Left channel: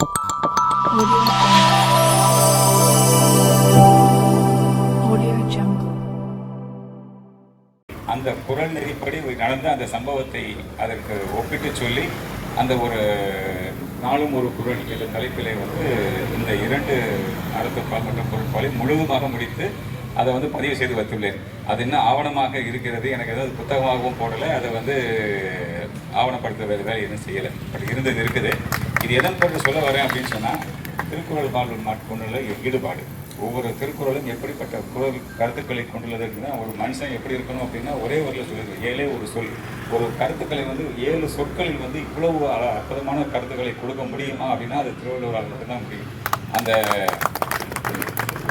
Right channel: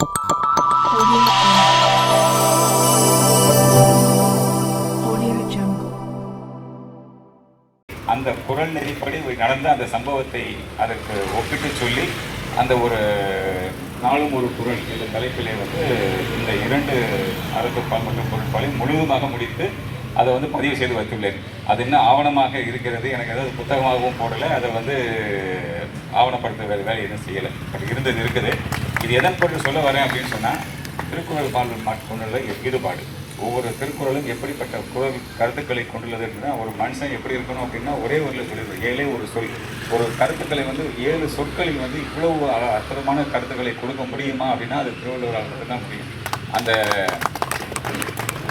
Audio Jungle. அந்த குரல் நெறிப்படி நடந்த அந்த சம்பவத்தை அதற்கு ஒப்பிட்டு சொல்லி அந்த ஒரு நாளும் ஒரு குரல் என்ற தலைப்பிலே வந்து இந்த 2 அறத்துப்பால் மற்றும் பொருட்பாலை முழுவதுமாக முடித்து அதை வந்து பதிவு செய்து வைத்துள்ளேன். அது இன்னும் ஆவணமாக இருக்கிறது. எனக்கு ஏதாவது புத்தகமாகவும் போடலை, அதை வந்து ஆவணப்படுத்துகிற வேலை எதுவும் செய்யலை. பட் இருந்தது இருக்குது. இது எதன் பொருள் சொல்ல வரேன் அப்படின்னு சொன்னால், திருக்குறள் பாடல் மாற்றுள்ள ஈடுபாடு. ஒவ்வொரு திருக்குறளும் எப்படிப்பட்ட குரல் கருத்துக்களை கொண்டுள்ளது அப்படின்னா, ஒரு மனுஷன் எப்படி இருக்கணும் அப்படின்னா ஒரே ஒரு சொல்லிடுது, 7 ஒரு சொல். ஒரு கருத்துக்களை வந்து 7 சொற்களில் வந்து இவ்வளவு அற்புதமான கருத்துக்களை கொடுக்க முடியுமா அப்படின்னா அது திருவள்ளுவரால் தான் முடியும். அந்த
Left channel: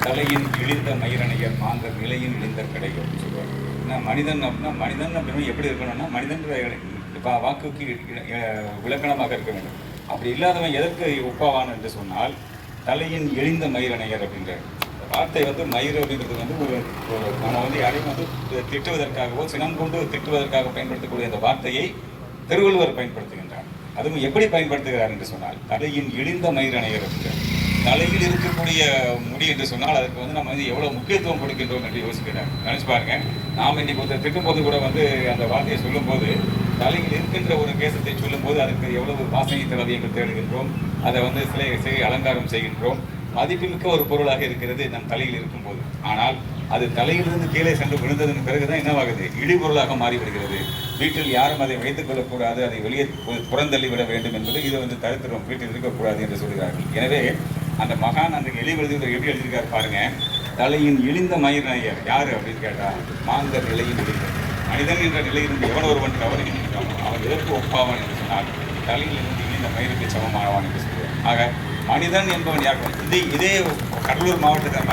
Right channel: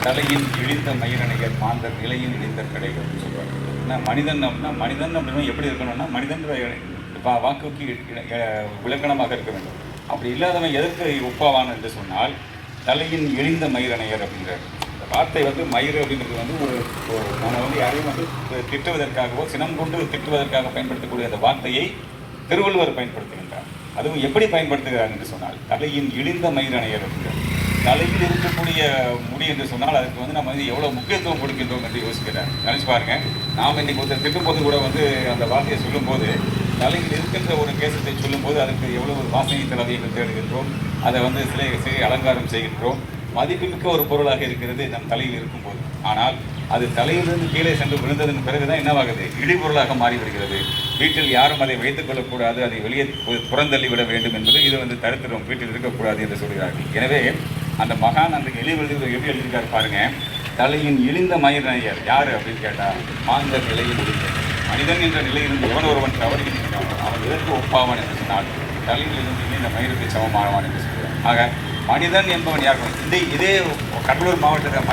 தலையின் இழிந்த மயிரணைகள் மாந்தர் நிலையும் இழிந்த கடைகள் அப்படின்னு சொல்லுவாங்க. ஏன்னா மனிதன் அப்படின்னா எப்படி இருக்கணும்னா, மனிதன்ற வாக்குக்கு விளக்கணமாக இருக்க வேண்டும். அப்படி இல்லாதவன் எதற்கு ஒப்பாவான் என்று சொன்னால், தலையின் இழிந்த மயிரணையர் அப்படின்ற வார்த்தை வந்து மயிர் அப்படின்றது வந்து ஒரு நம்ம வந்து யாரையும் வந்து திட்டுவதற்காகவோ சினம் கொண்டு திட்டுவதற்காக பயன்படுத்தக்கூடிய அந்த வார்த்தையை திருவள்ளுவர் பயன்படுத்துகின்றார். அதுவும் எப்படி பயன்படுத்துகிறார் என்று சொன்னால், தலையின் இழிந்த மயிரணையர் அப்படின்ற தலையில் இருக்கக்கூடிய முடி என்று சொன்னால் அதுக்கு வந்து நம்ம வந்து எவ்வளோ முக்கியத்துவம் கொடுக்கின்றோம் என்று யோசிக்கிறேன். நினைச்சு பாருங்க, நாம் இன்னைக்கு ஒருத்தர் திட்டும்போது கூட வந்து அந்த வார்த்தையை சொல்லும்போது, தலையில் இருக்கின்ற ஒரு கேசத்தை சொல்லும்போது அதுக்கு எவ்வளவு வாசனை தடவியங்கள் தேடுகின்றோம், அதை வந்து சிலை அலங்காரம் செய்கின்றோம். மதிப்புமிக்க ஒரு பொருளாக இருக்கிறது நம் தலையில் இருக்கும்போது. ஆனால் அது தலையிலிருந்து கீழே சென்று விழுந்ததன் பிறகுதான் என்னவாகுது, இடிபொருளாக மாறிவிடுகிறது. வீட்டில் யாரும் அதை வைத்துக் கொள்ளக்கூடாது, அதை வெளியே புறந்தள்ளி விட வேண்டும் என்பது இது வந்து தடுத்துடும், வீட்டில் இருக்கக்கூடாது என்று சொல்கிறார்கள். எனவே அந்த மகான் அந்த எழுதி எப்படி எழுதியிருக்காரு பாருங்க, தலையின் இழிந்த மயிரணையர் யார் அப்படின்னு கேட்டால், மாந்தர் நிலையில் இழிந்த மனிதன் என்ற நிலையிலிருந்து எவன் ஒருவன் தவறுகின்றான் அவன் எதற்கு ஒப்பாவான் என்று சொன்னால், தலையில் இருந்து இந்த மயிருக்கு சமமானவான் என்று சொல்கிறார். ஆக மனிதன் என்பவன் யார்? இதே கடலூர் மாவட்டத்தில்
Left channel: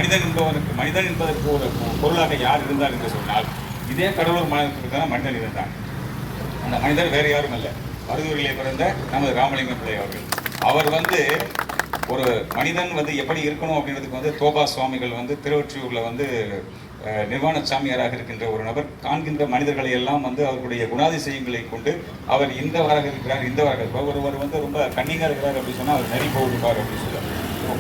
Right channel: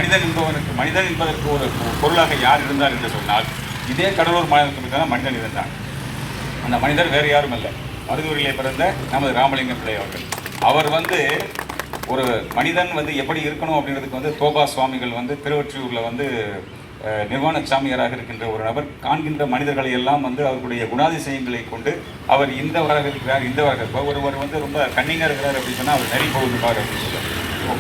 மனிதன் என்பதற்கு ஒரு பொருளாக யார் இருந்தார் என்று சொன்னால், இதே கடலூர் மாவட்டத்துக்கு தான் மனிதன் இருந்தார். அந்த மனிதர் வேறு யாரும் அல்ல, மருதூரிலே பிறந்த நமது ராமலிங்க பிள்ளை அவர்கள். அவர் வந்து ஒரு மனிதன் வந்து எப்படி இருக்கணும் அப்படின்றதுக்கு வந்து தோபா சுவாமிகள் வந்து திருவொற்றியூரில் வந்து நிர்வாண சாமியாராக இருக்கின்ற ஒரு நபர் காண்கின்ற மனிதர்களை எல்லாம் வந்து அவருடைய குணாதிசயங்களை கொண்டு அவர் இந்தவராக இருக்கிறார், ஒருவர் வந்து ரொம்ப கண்ணிங்காக இருக்கிறார் அப்படின்னு சொன்னால் அவர் நெறி போகுதுப்பார் அப்படின்னு சொல்லுவார்.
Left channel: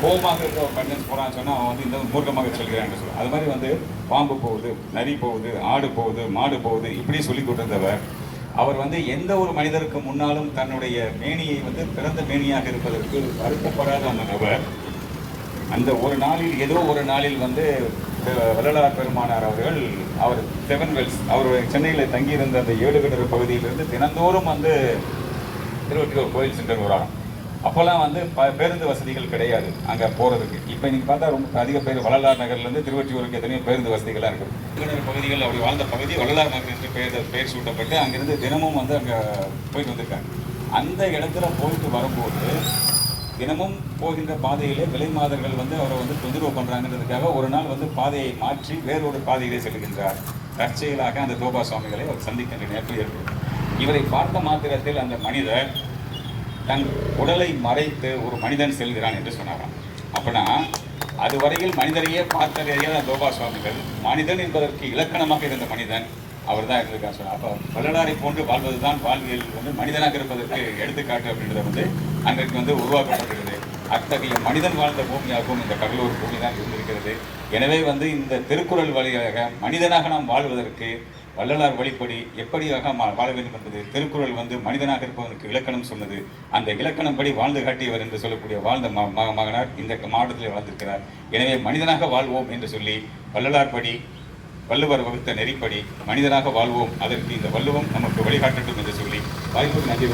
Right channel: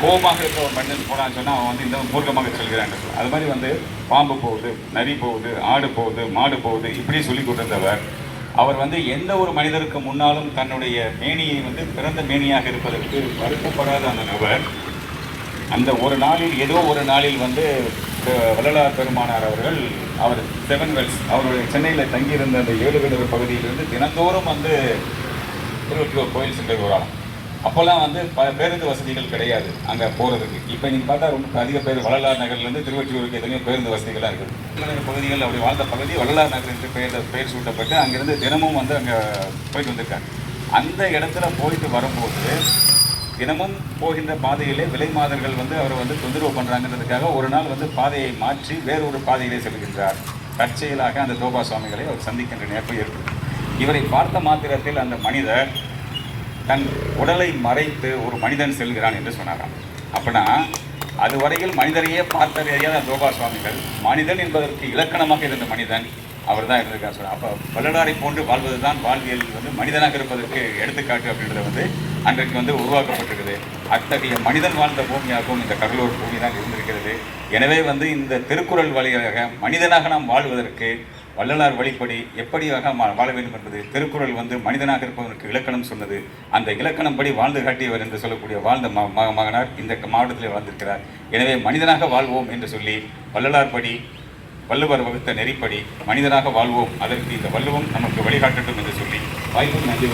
கோபமாக இருக்கிற ஒரு மனிதன் போனான்னு சொன்னால் அவன் வந்து இந்த மூர்க்கமாக செல்கிறான் சொல்லுவார். அது மாதிரி வந்து பாம்பு போகுது, நரி போகுது, ஆடு போகுது, மாடு போகுது, இப்படி சொல்லி கொண்டிருந்தவர். அவர் வந்து எந்த ஒரு மனிதருக்கு முன்னாலும் தன்னுடைய மேனியை வந்து பிறந்த மேனியாக இருப்பதற்கு வருத்தப்படாத அந்த நபர் அந்த ஒரு நாளில் ஏதோ ஒரு நாளில் வந்து வள்ளலார் பெருமானார் அவர்கள் அவர் 7 வெல்ஸ் அவர் சென்னையில் தங்கியிருந்த அந்த 7 கிணறு பகுதியிலிருந்து தினந்தோறும் வந்து திருவொற்றியூர் கோயில் சென்று வராங்க. அப்போல்லாம் வந்து பேருந்து வசதிகள் கிடையாது அங்கே போகிறதுக்கு. இப்போ நீங்கள் பார்த்தா ரொம்ப அதிக பேர் வள்ளலார் நகர்லேருந்து திருவொற்றியூருக்கு எத்தனையோ பேருந்து வசதிகளாக இருக்குது. பகுதிகள் அப்படி வாழ்ந்த பகுதி வள்ளலார் நகர் என்று பெயர் சூட்டப்பட்டு அங்கேருந்து தினமும் வந்து அங்கே போயிட்டு வந்திருக்காங்க. அந்த இடத்துல போயிட்டு வரும்போது தினமும் போகின்ற பாதையிலே விலை மாதர்கள் வந்து அவரை வந்து தொந்தரவு பண்ணுறாங்கன்றதுக்காக ஒரு நாள் வந்து பாதையை மாற்றி வேறொரு பாதையிலே செல்கின்றார். தற்செயலாக அந்த தோபா சுவாமிகளை அவர் சந்திக்கின்ற நேர்ப்பு ஏற்படும். இவரை பார்த்த மாத்திரத்தில் அந்த மனிதர் தன் உடலை மறைத்து ஒரு மனிதன் செல்கிறான் என்று சொன்னாராம். அப்படின்னா அதுவரையில் மனிதரையே பார்த்ததையே அந்த தோபா சுவாமிகள் மனிதன் என்பதற்கு இலக்கணமாக இருந்த மனிதன் அவர் தான் இருந்திருக்கார் சொல்ல. அப்போ வள்ளலாரை போன்று வாழ்வது தான் வாழ்வியல் வந்து மனிதனாக இருப்பதற்கு எடுத்துக்காட்டு அப்படின்றத வந்து அன்றைக்கு வந்து உருவாக்கப்பட்டிருக்குது. அத்தகைய மனிதன் வாழ்ந்த பூமியாகவும் இந்த கடலூர் பூமி தான் இருந்திருக்கிறது. எனவே வந்து இந்த திருக்குறள் வழியாக மனிதனாக நாம் வாழ்வதற்கு வள்ளலார் வழிப்படி எப்படியாக வாழ வேண்டும் என்பது திருக்குறள் வந்து மனிதனாக இருப்பதற்கு இலக்கணம் சொன்னது. அந்த இலக்கணம் படி வாழ்ந்து காட்டியவர் என்று சொல்லக்கூடிய வாழ்ந்த மகனார் இந்த மாவட்டத்தில் வாழ்ந்திருக்கிறார். எனவே மனிதனாக வாழ்வோம் என்று சொல்லி வள்ளலார் படி வள்ளுவர் வகுத்த நெறிப்படி மனிதனாக வாழ்வோம், அதற்கு இந்த வள்ளுவம் நமக்கு வழிகாட்டட்டும் என்று சொல்லி வாய்ப்பு நன்றி.